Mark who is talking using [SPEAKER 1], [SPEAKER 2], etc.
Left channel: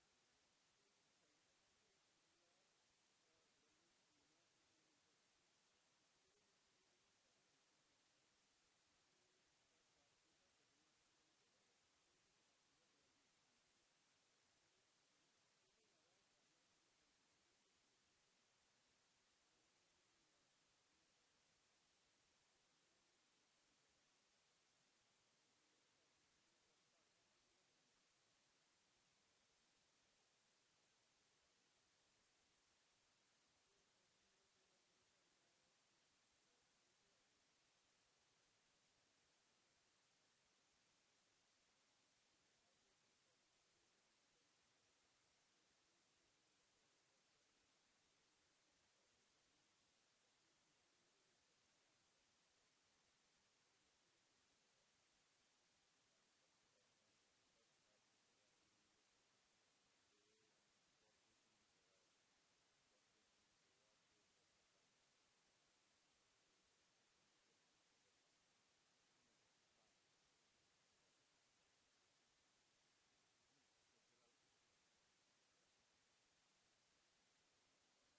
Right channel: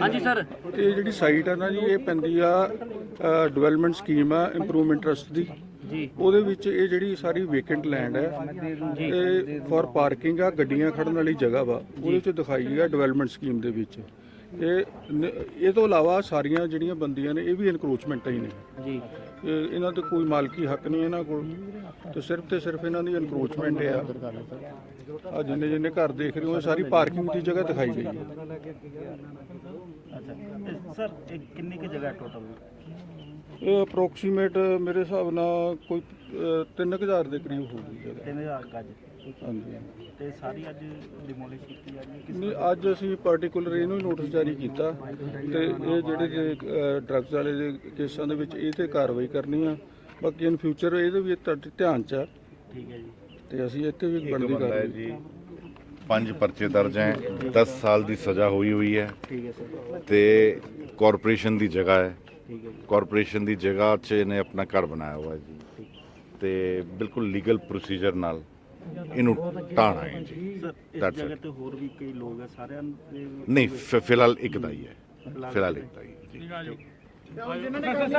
[SPEAKER 1] ਹਾਂਜੀ ਸਰ।
[SPEAKER 2] ਇਹ ਜਿਹੜੀ ਸਾਈਟ ਆ ਨਾ ਜੀ ਇਹ ਪੈਂਦੀ ਆ ਡਿਵੈਲਪਮੈਂਟ ਸਕੀਮ ਆ ਇੰਪਰੂਵਮੈਂਟ ਟਰਸਟ ਦੀ।
[SPEAKER 1] ਜੀ।
[SPEAKER 2] ਉਹਦੇ ਵਿੱਚ ਇਹ ਜਿਹੜੀ ਸਾਰੀ ਵੇਕੈਂਟ ਲੈਂਡ ਹੈ ਤੇ ਫੋਰ ਪਾਰਕਿੰਗ ਆ ਗੱਡੀਆਂ ਖੜਨ ਵਾਲੀ ਜਗ੍ਹਾ ਵਾ। ਉਹਦੇ ਵਿੱਚ ਦਿਖਾਈ ਆ ਡਿਵੈਲਪਮੈਂਟ ਸਕੀਮ ਦੇ ਵਿੱਚ। ਇਹ ਇਹ ਤੋਂ ਇਲਾਵਾ ਸਾਰੀਆਂ ਜਿਹੜੀਆਂ ਬੰਦੀਆਂ ਨੇ ਇਹ ਵੀ ਇਨਕਰੋਚਮੈਂਟਾਂ ਹੀ ਨੇ।
[SPEAKER 1] ਜੀ।
[SPEAKER 2] ਇਹਨਾਂ ਤੇ ਕੋਈ ਮਾਲਕੀ ਹੱਕ ਨਹੀਂ ਇਹਨਾਂ ਕੋਲ। ਤੇ ਸਿਰਫ ਤੇ ਸਿਰਫ ਇਹਨਾਂ ਦੀ ਇਨਕਰੋਚਮੈਂਟ ਹੈ ਆ ਜਿੰਨੇ ਜਿੰਨੇ ਘਰ ਦੇਖ ਰਹੇ ਹੋ ਇਹ ਸਾਰੀ ਪਾਰਕਿੰਗ ਦੀ ਜਗ੍ਹਾ ਦਿਖਾਈ ਗਈ ਹੈ।
[SPEAKER 1] ਅੱਛਾ। ਸਰ ਇਹ ਕਿੰਨੀ ਕੁ ਜਗ੍ਹਾ ਟੋਟਲ
[SPEAKER 2] ਇਹ ਅਪਰੋਕਸੀਮੇਟ ਮੇਰੇ ਹਿਸਾਬ ਨਾਲ ਕੋਈ 3000 ਦੇ ਕਰੀਬ ਹੋਊਗੀ ਜਗ੍ਹਾ।
[SPEAKER 1] 3000 ਗੱਜ।
[SPEAKER 2] ਹਾਂਜੀ।
[SPEAKER 1] ਤੇ ਸਾਰੀ ਅੱਜ ਡਿਮੋਲਿਸ਼ ਕੀਤੀ ਜੀ?
[SPEAKER 2] ਨਹੀਂ ਅੱਜ ਅਸੀਂ ਪਾਰਟਿਕੂਲਰ ਇਹਨੂੰ ਹੀ ਨੋਟਿਸ ਜਾਰੀ ਕੀਤਾ। ਤੇ ਇਹ ਜਿਹੜੇ ਡਰੱਗਸ ਵਾਲੇ ਦੇ ਕੇਸਾਂ ਦੇ ਵਿੱਚ ਇਹ ਤੇ ਕਾਰਵਾਈ ਕਰਨੀ ਆ। ਬਾਕੀ ਇਨ ਫਿਊਚਰ ਇਹਦੇ ਵੀ ਧਿਆਨ ਚ ਆ।
[SPEAKER 1] ਠੀਕ ਹੈ ਜੀ।
[SPEAKER 2] ਤੇ ਅਸੀਂ ਇੱਥੇ ਵੀ
[SPEAKER 3] ਇੱਕ
[SPEAKER 2] ਬਣਦੀ
[SPEAKER 3] ਬੰਦਾ ਹੈ
[SPEAKER 2] ਕਾਰਵਾਈ
[SPEAKER 3] ਜੀ। ਪੰਜ ਪਰਚੇ ਦਰਜ ਹੈ। 10 ਸਾਲ ਦੀ ਸਜ਼ਾ ਹੋਈ ਹੋਈ ਹੈ।
[SPEAKER 1] ਠੀਕ ਹੈ ਸਰ।
[SPEAKER 3] ਤੇ ਕਾਰਪੋਰੇਸ਼ਨ ਦੀ ਜਗ੍ਹਾ ਹੈ।
[SPEAKER 1] ਠੀਕ ਹੈ ਜੀ।
[SPEAKER 3] ਕਾਰਪੋਰੇਸ਼ਨ ਦੀ ਜਗ੍ਹਾ 'ਚ ਇਹਨੇ ਆਪਣਾ ਘਰ ਬਣਾਇਆ ਹੋਇਆ ਹੈ ਜੀ। ਤੇ ਬਿਲਕੁਲ ਲੀਗਲ ਪ੍ਰੋਸੀਜਰ ਨਾਲ ਇਹਨੂੰ ਢਾਣਾ ਹੈ ਜੀ।
[SPEAKER 1] ਸਰ ਇਸ
[SPEAKER 3] That's
[SPEAKER 1] ਜਗ੍ਹਾ. ਤੇ ਹੋਰ ਵੀ ਕਈ ਲੋਕ ਆ ਸਾਰਿਆਂ ਦੇ
[SPEAKER 3] ਨਹੀਂ ਫਿ- ਫਿਲਹਾਲ ਇੱਕ ਦਾ ਹੀ ਹੈ। ਫਿਲਹਾਲ ਇੱਕ ਦਾ ਹੀ ਹੈ ਜੀ।